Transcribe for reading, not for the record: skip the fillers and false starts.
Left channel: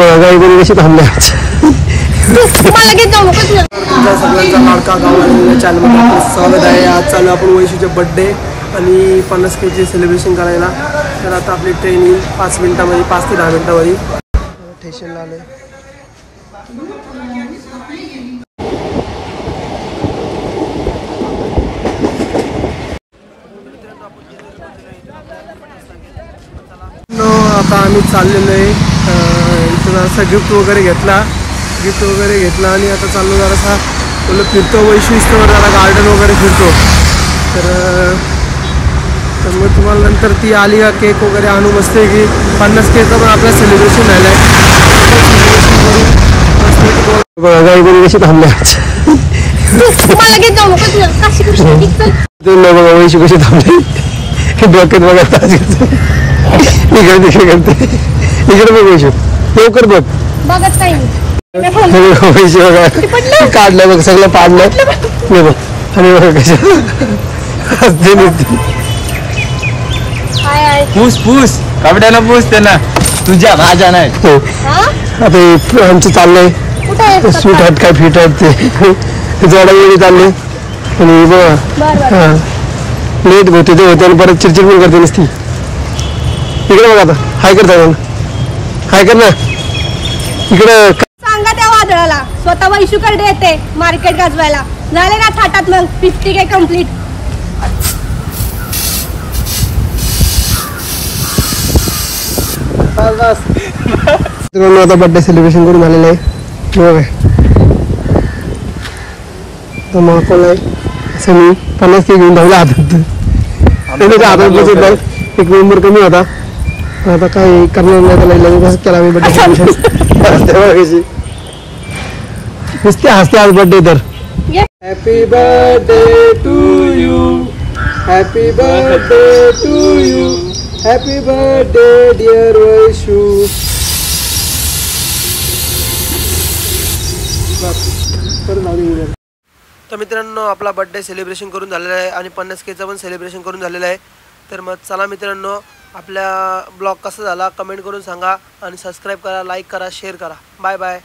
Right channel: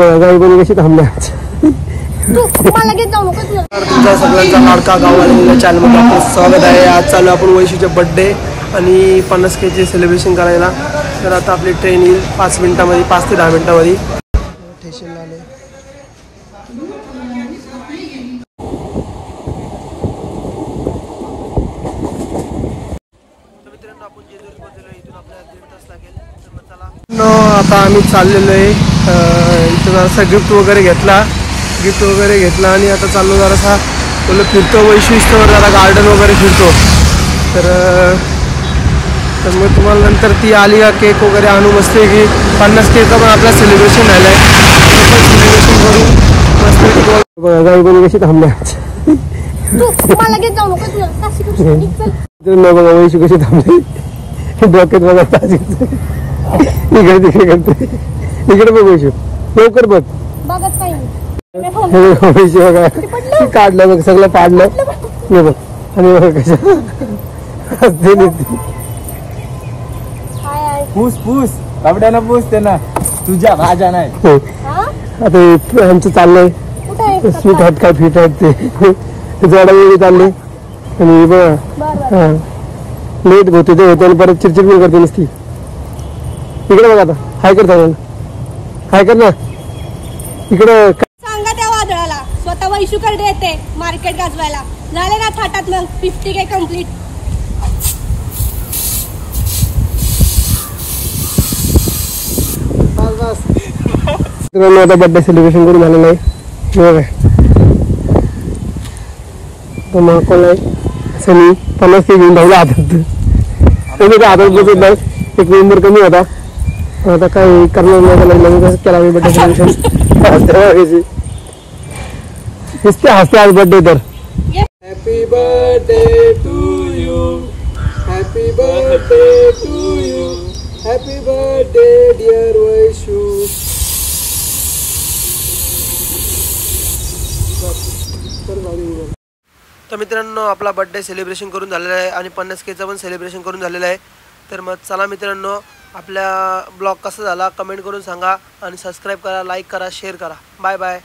सगळ्यांचा लाडका गावाला चॅनलमध्ये आपलं स्वागत आहे। आज चालू आपण वैशूचे बर्थडे आणि 50K चे सेलिब्रेशन करायला। तर आता आपली ट्रेन येईल 5 मिनिटांमध्ये, 5 ते 10 मिनिटांमध्ये स्टेशनला आले। आता आम्ही चाललेलो आहे इथं जरासा गिफ्ट वगैरे घेतला आणि आता चाललो जरासा बोललो फिरतो वैशू इस्टवर जरा गार्डन वगैरे फिरतो। तर मग तुम्हाला नंतर ती आली का केक वगैरे आणू मस्त की 50K पण आपला सेलिब्रेशन झालं आहे। सेलिब्रेशन करून मस्त थांबले वैशू कशी थांबले डोक्यात बघा इकडे बघ वैशू लवकर बघ बघत नाही काढलं बघ सगळं पाडलं आणि बघ कशा पूस पूस कपड्याला पूस त्यांना तुझ्या माझ्या नाही। आता आमचं चाललंय सूट आहेत काय फिट आहेत ते चढाई चाललंय आणि बघा लेट होते ते होते आणि परत चिडचिड पण करते नसती। इकडे बघ आता हाय कर हाय कर ना इकडे सांगा त्या वादळाला स्वतः वैशूकडे येते मार्केट गाजवायला। झाले ना थाटात मग 50K कम्प्लीट। आता बर्थडे सेलिब्रेशन करून झालेलं आहे। सनी 50K घेऊन धावला हातात एक नंबर कमी होता। आता काय करणार केला आम्ही बर्थडे नुसते हसते आज बर्थडे तर। Happy birthday to you, happy birthday to you, happy birthday dear Vaishu. तर मित्रांनो आपला बर्थडे सेलिब्रेशन करून झालेला आहे आणि 50Kचं पण सेलिब्रेशन करून झालेलं आहे। तर मग चला मित्रांनो आपल्या ब्लॉग कसा झाला कमेंट करून सांगा आणि सबस्क्राईब करा, लाईक करा, शेअर करा। Bye bye.